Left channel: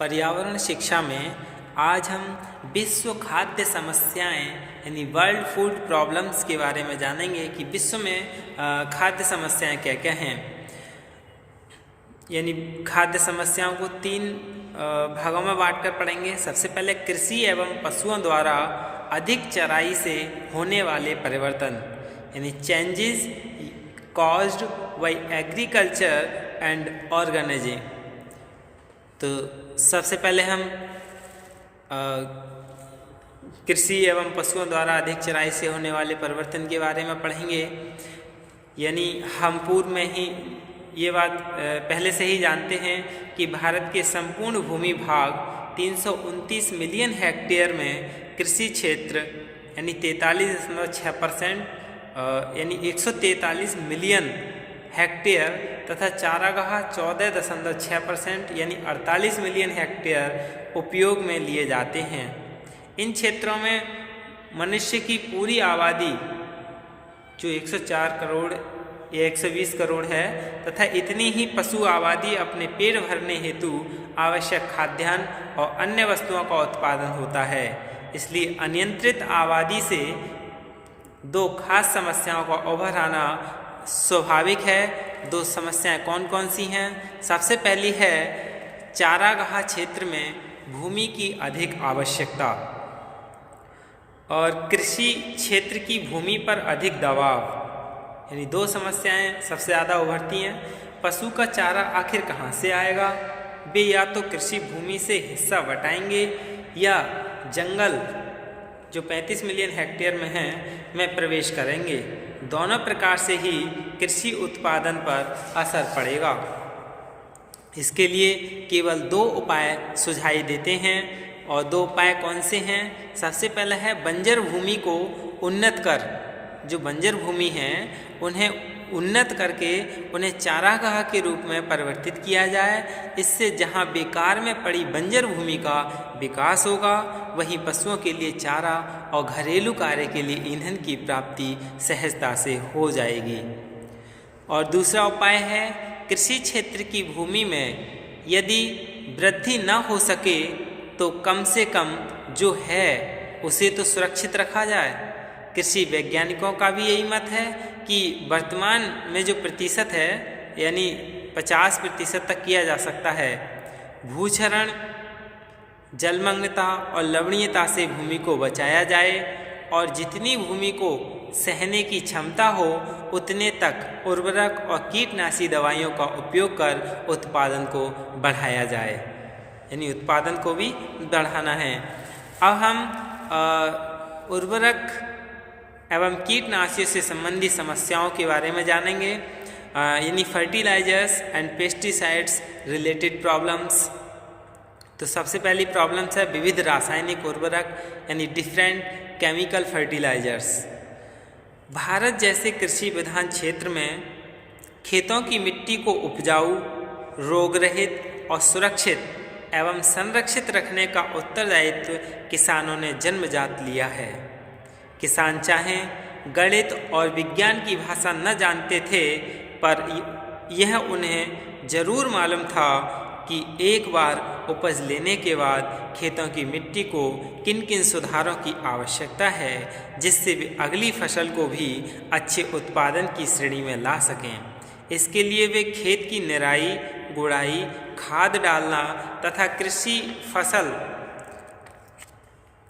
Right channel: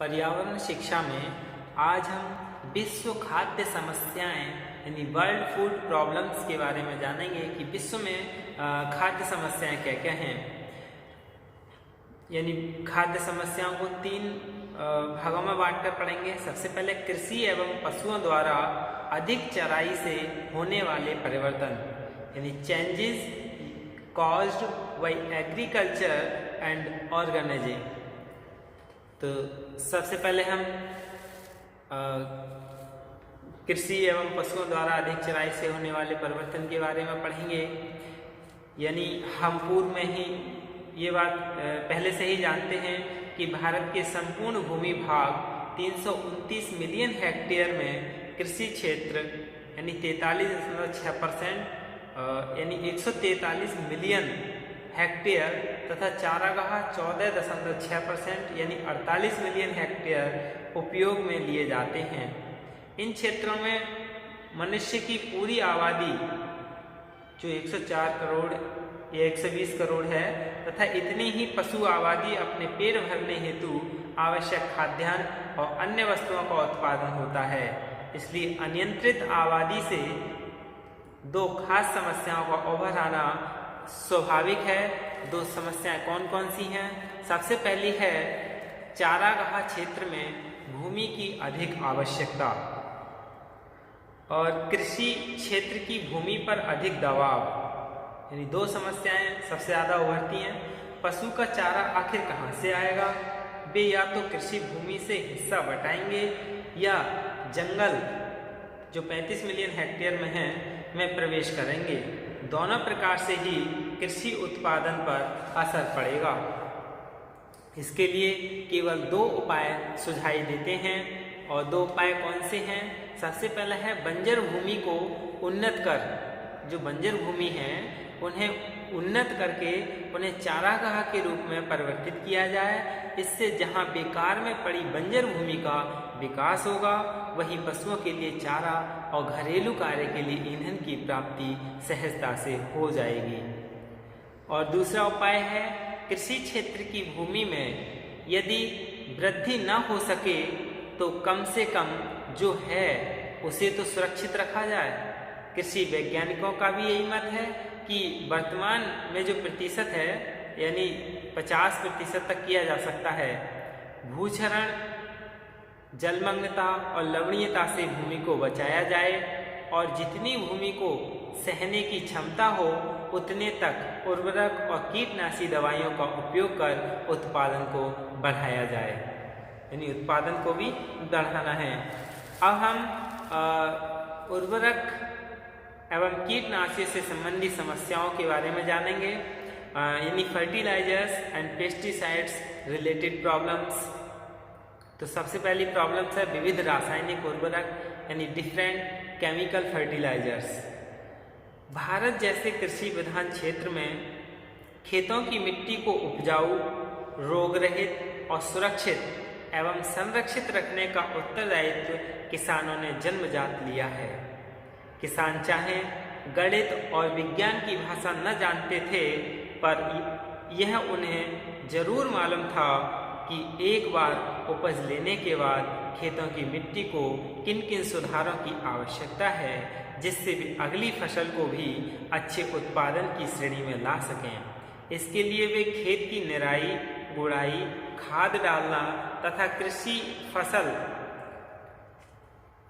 पर्यावरण शिक्षा में आज हम विश्व खाद्य समस्याएं यानी वर्ल्ड फूड प्रॉब्लम्स के बारे में जानेंगे कि विश्व में खाद्य समस्याएं क्या क्या हैं। यानी खाद्य समस्याओं को तीन भागों में बांटकर पढ़ेंगे। सबसे पहले कृषि एवं पशुओं द्वारा अधिक चराई से होने वाले परिवर्तन यानी changes caused by agriculture and organising. तो सबसे पहले हम कृषि एवं पशुओं द्वारा अधिक चराई से होने वाले परिवर्तन के बारे में पढ़ेंगे। यानी हम पूर्व में ही ये बात पहले से ही जानते हैं कि भारत के संपूर्ण भूमि भाग 329 मिलियन हेक्टेयर में कृषि क्षेत्र यानी 43.6% यानी 143 मिलियन हेक्टेयर तथा चारागाह 14.6% यानी 48 मिलियन हेक्टेयर उपयोग में लिए जाते हैं। इन क्षेत्रों में मनुष्य की पूरी आबादी जो 104 करोड़ या 120 करोड़ है तथा इतनी ही पशु आबादी अपने पेट भरने हेतु आवश्यक खाद्यान्न और अन्य वस्तुओं का उत्पादन होता है। इसलिए अनियंत्रित आबादी से दो खास समस्याओं का उभर आना स्वाभाविक है। दो समस्याएं कौन कौन सी हैं? सबसे पहली है चारागाह क्षेत्र में भूमि की अधिक आवश्यकता और कृषि क्षेत्र की भूमि पर अधिक दबाव। यानी दो समस्याएं सबसे ज़्यादा उभरती हैं। पशु का चारा आखिर कहाँ से आएगा? वे या तो कृषि भूमि से हिस्सा बटाएंगे या जंगल जो 35 मिलियन हेक्टेयर में है में प्रवेश करेंगे। दोनों प्रकार से ही कृषि उत्पादन पर असर पड़ेगा। इसके लिए केवल दो उपाय सुझाई देते हैं और दो उपाय कौन से हैं? सबसे पहला है बंजर भूमि को उन्नत कर, जो बंजर भूमि है उन्हें उन्नत करके उन्हें चारागाह के रूप में परिवर्तित किया जाए। इससे जहां बेकार में पड़ी बंजर भूमि का विकास होगा वहीं पशुओं के लिए चारा और घरेलू कार्य के लिए ईंधन की प्राप्ति सहजता से हो जाएगी। और दूसरा उपाय है कृषि क्षेत्र की भूमि में यदि वृद्धि न हो सके तो कम से कम जो है उसे तो सुरक्षित रखा जाए। कृषि वैज्ञानिकों का भी यही मत है कि वर्तमान में जो प्रतिशत है यानी 50% तक किया जा सकता है। भूक्षरण, जलमग्नता और लवणीयता से भूमि को बचाया जाए और जितनी भूमि को सहने की क्षमता हो उतने तक उर्वरक और कीटनाशी दवाइयों का उपयोग कर उत्पादन को बढ़ाया जाए। यानी उत्पादन को भी बढ़ाना है। अब हम उर्वरक एवं कीटनाशियों से संबंधित समस्याओं के बारे में जानेंगे। यानी fertilisers and pesticides related problems. तो सबसे पहली प्रॉब्लम्स है विविध रासायनिक उर्वरक यानी डिफरेंट केमिकल फर्टिलाइजर्स। भारत जैसे कृषि प्रधान क्षेत्र में खेतों की मिट्टी को उपजाऊ, रोग रहित और सुरक्षित एवं संरक्षित रखने का उत्तरदायित्व किसानों ने जन्मजात लिया है। किसान चाहे गणित और विज्ञान की भाषा न जानते थे पर यह उन्हें जरूर मालूम था कि एक बार उपज लेने के बाद खेतों की मिट्टी को किन किन सुधारों की आवश्यकता है जिससे वे अगली फसल को भी अच्छे उत्पादन की श्रेणी में ला सकें। इसके लिए वे खेत की निराई, गुड़ाई, खाद डालना तथा कृषि फसल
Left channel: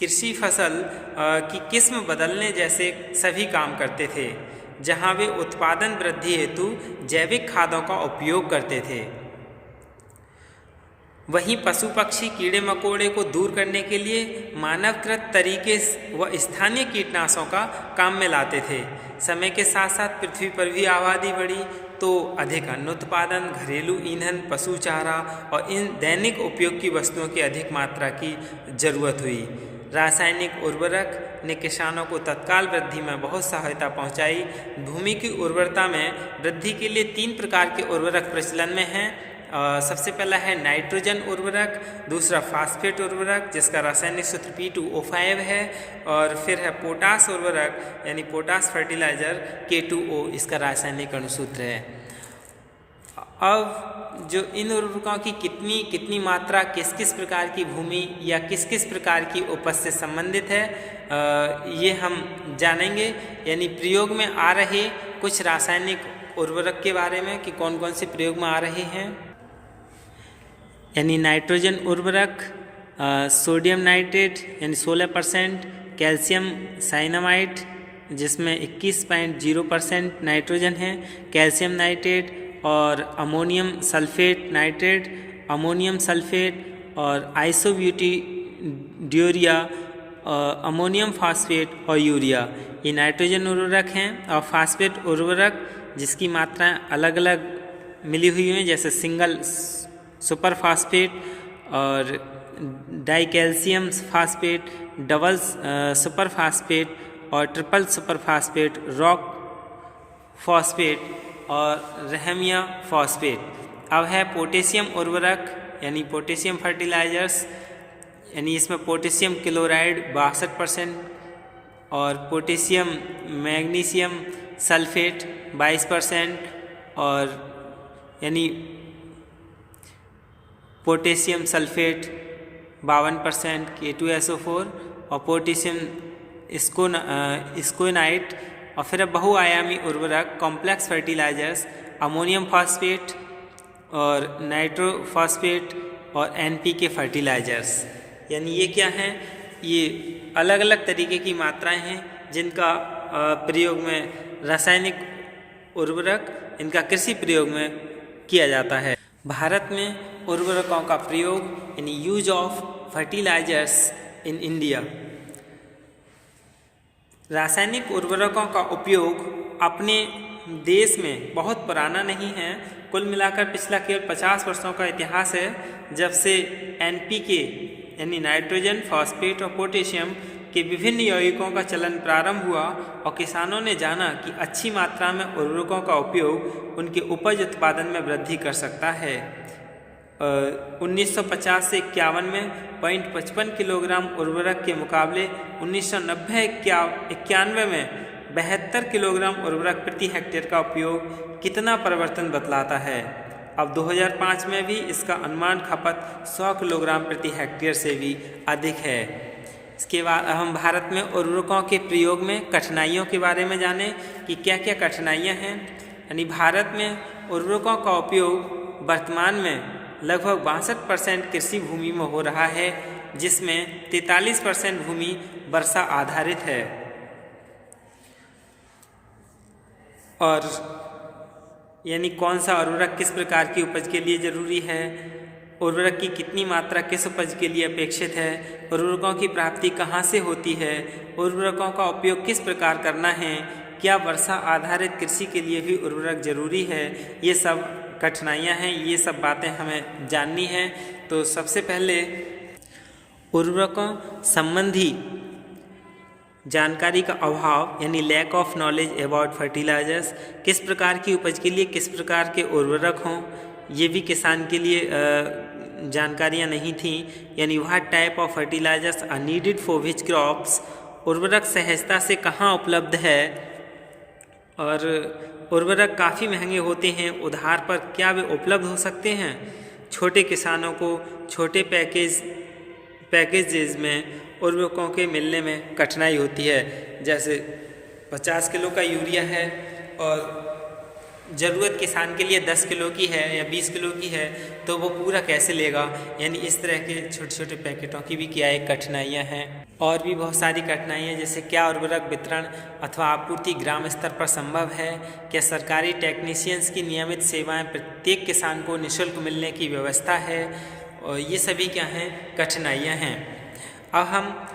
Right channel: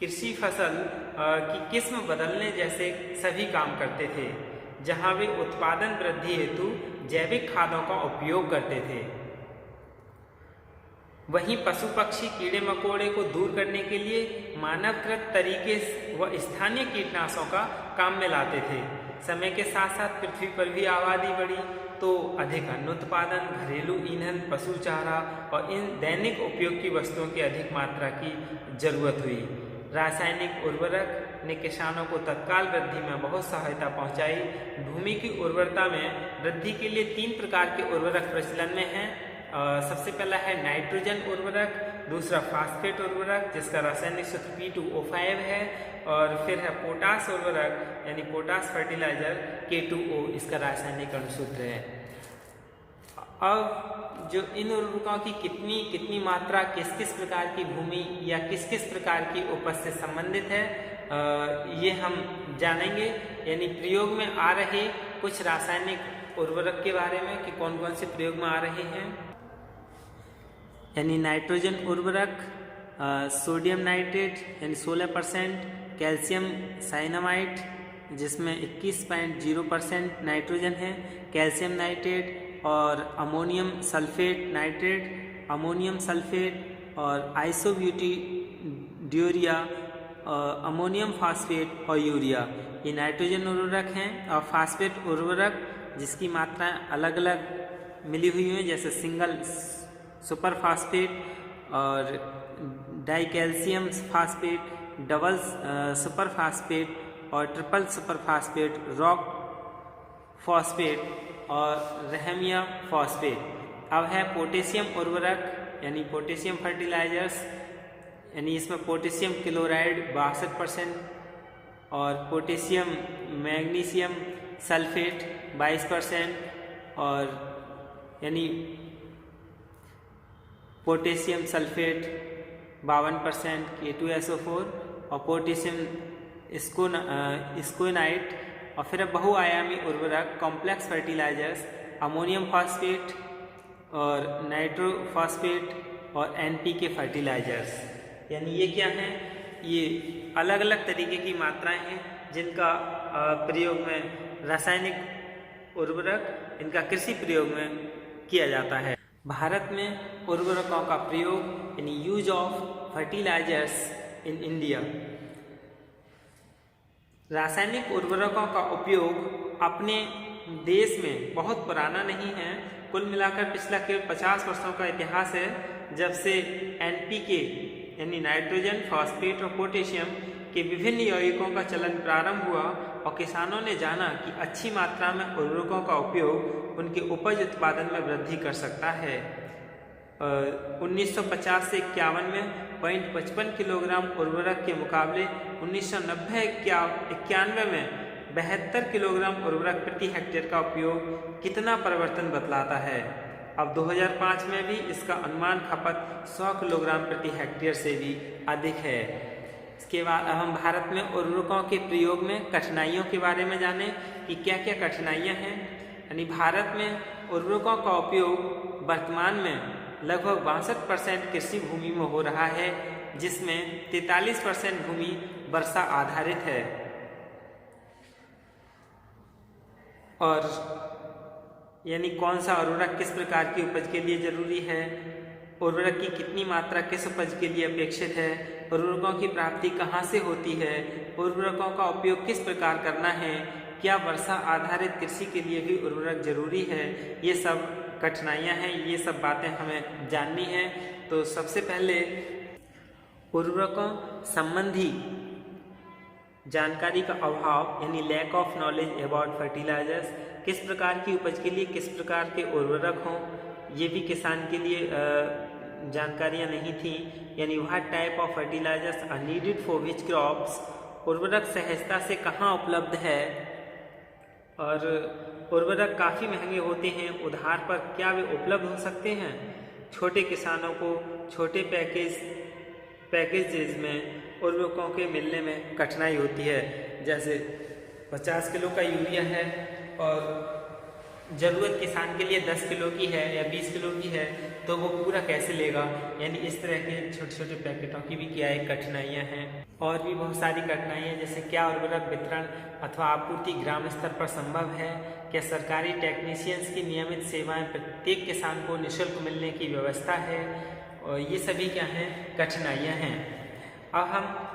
की किस्म बदलने जैसे सभी काम करते थे। जहां वे उत्पादन वृद्धि हेतु जैविक खादों का उपयोग करते थे वहीं पशु पक्षी कीड़े मकोड़े को दूर करने के लिए मानवकृत तरीके व स्थानीय कीटनाशकों का काम में लाते थे। समय के साथ साथ पृथ्वी पर भी आबादी बढ़ी तो अधिक अन्न उत्पादन, घरेलू ईंधन, पशु चारा और इन दैनिक उपयोग की वस्तुओं की अधिक मात्रा की जरूरत हुई। रासायनिक उर्वरक ने किसानों को तत्काल वृद्धि में बहुत सहायता पहुंचाई। भूमि की उर्वरता में वृद्धि के लिए 3 प्रकार के उर्वरक प्रचलन में हैं। सबसे पहला है नाइट्रोजन उर्वरक, दूसरा फास्फेट उर्वरक जिसका रासायनिक सूत्र P2O5 है और फिर है पोटास उर्वरक यानी पोटास फर्टिलाइजर K2O इसका रासायनिक अणुसूत्र है। अब जो इन उर्वरकों की कितनी कितनी मात्रा किस किस प्रकार की भूमि या किस किस प्रकार की उपज से संबंधित है, ये हम जानेंगे। यानी प्रयोग में आ रहे कुछ रासायनिक उर्वरक के बारे में कि कौन कौन से प्रयोग में आ रहे हैं। यानी नाइट्रोजन उर्वरक, सोडियम नाइट्रेट यानी 16%, कैल्शियम साइनामाइड जिसमें 21.0% नाइट्रोजन है, कैल्शियम नाइट्रेट और ammonium sulphate nitrate, ammonium sulphate और आइसोब्यूटीड्यूरिया, अमोनियम फास्फेट और यूरिया, ये नाइट्रोजन उर्वरक हैं। और फास्फेट उर्वरक जिसकी मात्राएं अलग अलग मिली हुई हैं, जैसे सिंगल सुपर फास्फेट और di calcium phosphate, double super phosphate और triple super phosphate, rock phosphate और रहमिया फॉस्फेट। अब है पोटेशियम उर्वरक यानी पोटेशियम फर्टिलाइजर्स, यानी इसमें पोटेशियम क्लोराइड 62% और पोटेशियम मैग्नीशियम सल्फेट 22% और यानी पोटेशियम सल्फेट 52% K2SO4 और पोटेशियम स्कोनाइट। और फिर बहुआयामी उर्वरक कॉम्प्लेक्स फर्टिलाइजर्स, अमोनियम फॉस्फेट और नाइट्रोफॉस्फेट और NPK फर्टिलाइजर्स। यानी ये क्या हैं, ये अलग अलग तरीके की मात्राएं हैं जिनका प्रयोग में रासायनिक उर्वरक इनका कृषि प्रयोग में किया जाता है। भारत में उर्वरकों का प्रयोग यानी use of fertilisers in India. रासायनिक उर्वरकों का उपयोग अपने देश में बहुत पुराना नहीं है। कुल मिलाकर पिछला केवल 50 वर्षों का इतिहास है जब से NPK यानी नाइट्रोजन, फॉस्फेट और पोटेशियम के विभिन्न यौगिकों का चलन प्रारंभ हुआ और किसानों ने जाना कि अच्छी मात्रा में उर्वरकों का उपयोग उनके उपज उत्पादन में वृद्धि कर सकता है। 1950 से 51 में 0.55 किलोग्राम उर्वरक के मुकाबले 1990-91 में 72 किलोग्राम उर्वरक प्रति हेक्टेयर का उपयोग कितना परिवर्तन बतलाता है। अब 2005 में भी इसका अनुमान खपत 100 किलोग्राम प्रति हेक्टेयर से भी अधिक है। इसके बाद हम भारत में उर्वरकों के प्रयोग में कठिनाइयों के बारे में जानें कि क्या क्या कठिनाइयाँ हैं। यानी भारत में उर्वरकों का उपयोग वर्तमान में लगभग 62% कृषि भूमि में हो रहा है, जिसमें 43% भूमि वर्षा आधारित है। और यानी कौन सा उर्वरक किस प्रकार की उपज के लिए ज़रूरी है, उर्वरक की कितनी मात्रा किस उपज के लिए अपेक्षित है, उर्वरकों की प्राप्ति कहाँ से होती है, उर्वरकों का उपयोग किस प्रकार करना है, क्या वर्षा आधारित कृषि के लिए भी उर्वरक जरूरी है, ये सब कठिनाइयाँ हैं, ये सब बातें हमें जाननी हैं। तो सबसे पहले उर्वरकों संबंधी जानकारी का अभाव यानी lack of knowledge about fertilisers, किस प्रकार की उपज के लिए किस प्रकार के उर्वरक हों, ये भी किसान के लिए जानकारियाँ नहीं थी। यानी what type of fertilisers are needed for which crops, उर्वरक सहजता से कहाँ उपलब्ध है, और उर्वरक काफ़ी महंगे होते हैं, उधार पर क्या वे उपलब्ध हो सकते हैं। छोटे किसानों को छोटे पैकेजेस में उर्वरकों के मिलने में कठिनाई होती है। जैसे 50 किलो का यूरिया है और ज़रूरत किसान के लिए 10 किलो की है या 20 किलो की है, तो वो पूरा कैसे लेगा। यानी इस तरह के छोटे छोटे पैकेटों की भी क्या एक कठिनाइयाँ हैं। और भी बहुत सारी कठिनाइयाँ, जैसे क्या उर्वरक वितरण अथवा आपूर्ति ग्राम स्तर पर संभव है, क्या सरकारी टेक्नीशियंस की नियमित सेवाएं प्रत्येक किसान को निःशुल्क मिलने की व्यवस्था है, और ये सभी क्या हैं कठिनाइयाँ हैं। अब हम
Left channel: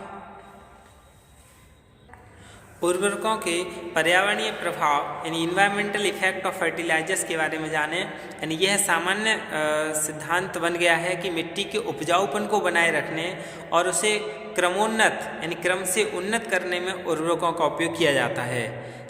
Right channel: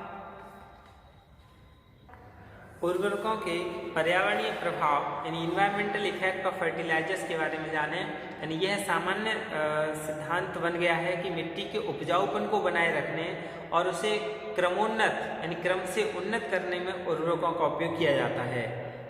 उर्वरकों के पर्यावरणीय प्रभाव यानी इन्वायरमेंटल इफेक्ट ऑफ फर्टिलाइजर्स के बारे में जानें। यानी यह सामान्य सिद्धांत बन गया है कि मिट्टी के उपजाऊपन को बनाए रखने और उसे क्रमोन्नत यानी क्रम से उन्नत करने में उर्वरकों का उपयोग किया जाता है।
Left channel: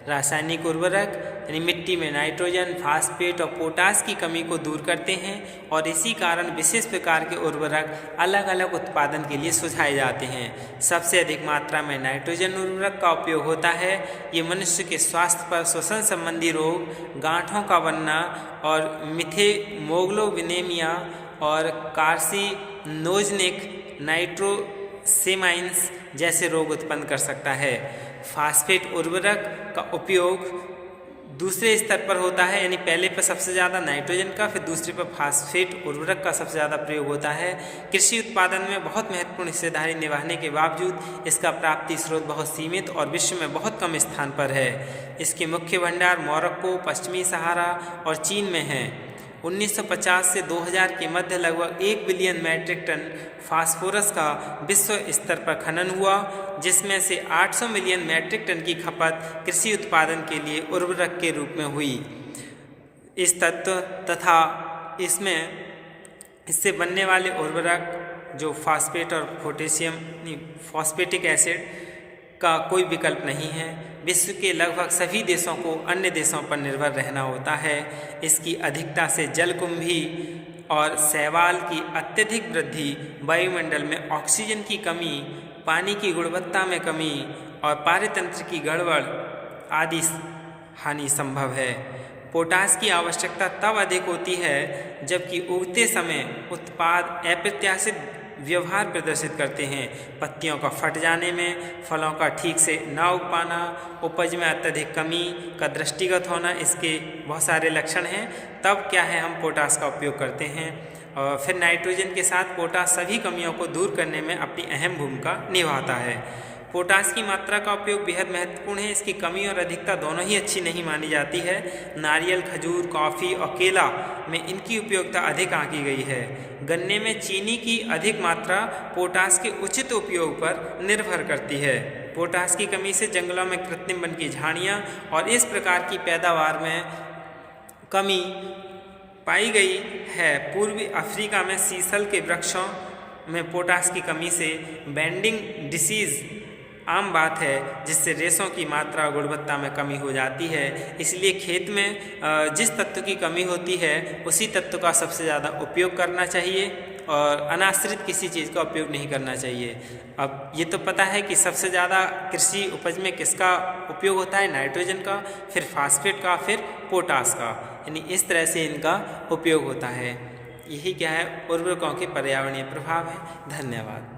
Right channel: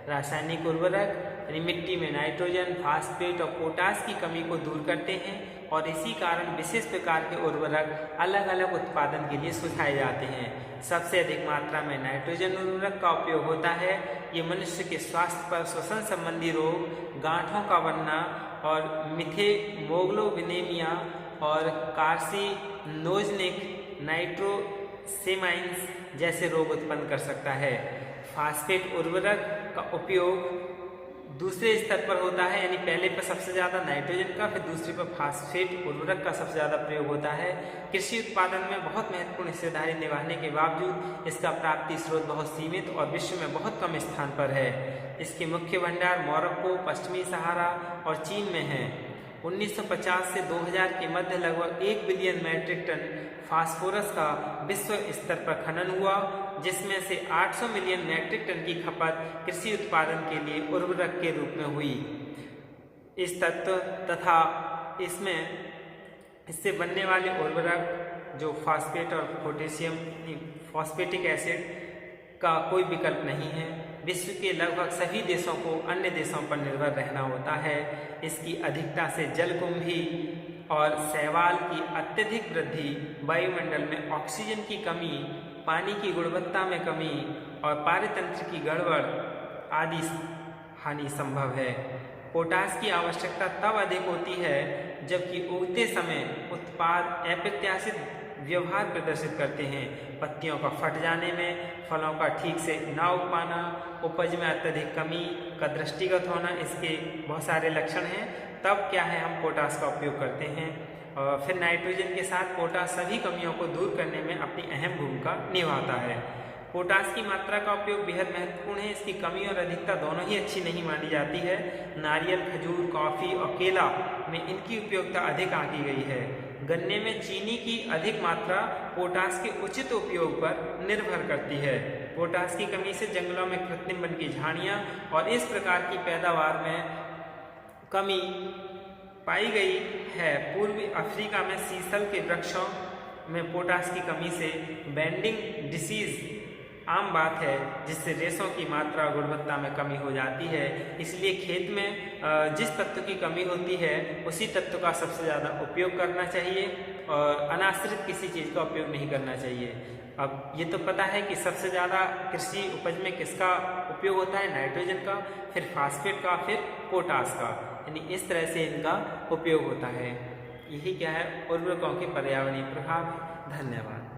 रासायनिक उर्वरक यानी मिट्टी में नाइट्रोजन, फास्फेट और पोटास की कमी को दूर करते हैं और इसी कारण विशेष प्रकार के उर्वरक अलग अलग उत्पादन के लिए सुझाए जाते हैं। सबसे अधिक मात्रा में नाइट्रोजन उर्वरक का उपयोग होता है। ये मनुष्य के स्वास्थ्य पर श्वसन संबंधी रोग, गांठों का बनना और मिथेमोग्लोबिनेमिया और कार्सिनोजेनिक नाइट्रोसेमाइंस जैसे रोग उत्पन्न कर सकता है। फास्फेट उर्वरक का उपयोग दूसरे स्तर पर होता है, यानी पहले पर सबसे ज़्यादा नाइट्रोजन का, फिर दूसरे पर फास्फेट उर्वरक का सबसे ज़्यादा प्रयोग होता है। कृषि उत्पादन में बहुत महत्वपूर्ण हिस्सेदारी निभाने के बावजूद इसका प्राप्ति स्रोत बहुत सीमित और विश्व में बहुत कम स्थान पर है। इसके मुख्य भंडार मोरक्को, पश्चिमी सहारा और चीन में हैं। 1950 से 2000 के मध्य लगभग 1 बिलियन मैट्रिक टन फास्फोरस का विश्व स्तर पर खनन हुआ, जिसमें से 800 मिलियन मैट्रिक टन की खपत कृषि उत्पादन के लिए उर्वरक के रूप में हुई। इस तत्व तथा इससे बनने वाले उर्वरक जो फास्फेट और पोटेशियम फॉस्फेटिक एसिड का कोई विकल्प नहीं है। विश्व के लगभग सभी देशों को अन्य देशों पर निर्भर रहना होता है। इसकी अधिकता से जलकुंभी और शैवाल की अत्यधिक वृद्धि, वायुमंडल में ऑक्सीजन की कमी, पानी की गुणवत्ता में कमी और पारितंत्र की गड़बड़ आदि हानि संभव है। पोटास की आवश्यकता तब अधिक होती है जबकि उगते समय उत्पाद अप्रत्याशित व्यवहार प्रदर्शित करते हैं। पत्तियों का फट जाने में, फलों का ठीक से ना उग पाना, उपज में अत्यधिक कमी का दृष्टिगत होना, इसके बहुत सारे लक्षण हैं। तब क्या है, हम पोटास का उपयोग करते हैं। और फिर नाइट्रोजन के साथ पोटास सभी कमियों को दूर करने में अपनी अहम भूमिका निभाता है। पोटास की मात्रा का उपयोग बेहद महत्वपूर्ण है। इसकी कमी और अधिकता दोनों ही अच्छी नहीं मानी जाती है। नारियल, खजूर, कॉफ़ी और केला में इनकी उपयोगिता अधिक आंकी गई है। गन्ने में चीनी की अधिक मात्रा पोटास के उचित उपयोग पर निर्भर करती है। पोटास की कमी से जंगलों में कृत्रिम वन की झाड़ियाँ और इस प्रकार की पैदावार में कमी पाई गई है। पूर्वी अफ्रीका में सीसल के वृक्षों में पोटास की कमी से बेंडिंग डिसीज़ आम बात है, जिससे रेशों की मात्रा और गुणवत्ता में कमी हो जाती है। इसलिए खेत में जिस तत्व की कमी होती है उसी तत्व का सबसे ज़्यादा उपयोग करना चाहिए और अनाश्रित किसी चीज़ का उपयोग नहीं करना चाहिए। अब ये तो पता है कि सबसे ज़्यादा कृषि उपज में किसका उपयोग होता है, नाइट्रोजन का, फिर फास्फेट का, फिर पोटास का, यानी इस तरह से इनका उपयोग होता है। यही क्या है, उर्वरकों के पर्यावरणीय प्रभाव है। धन्यवाद।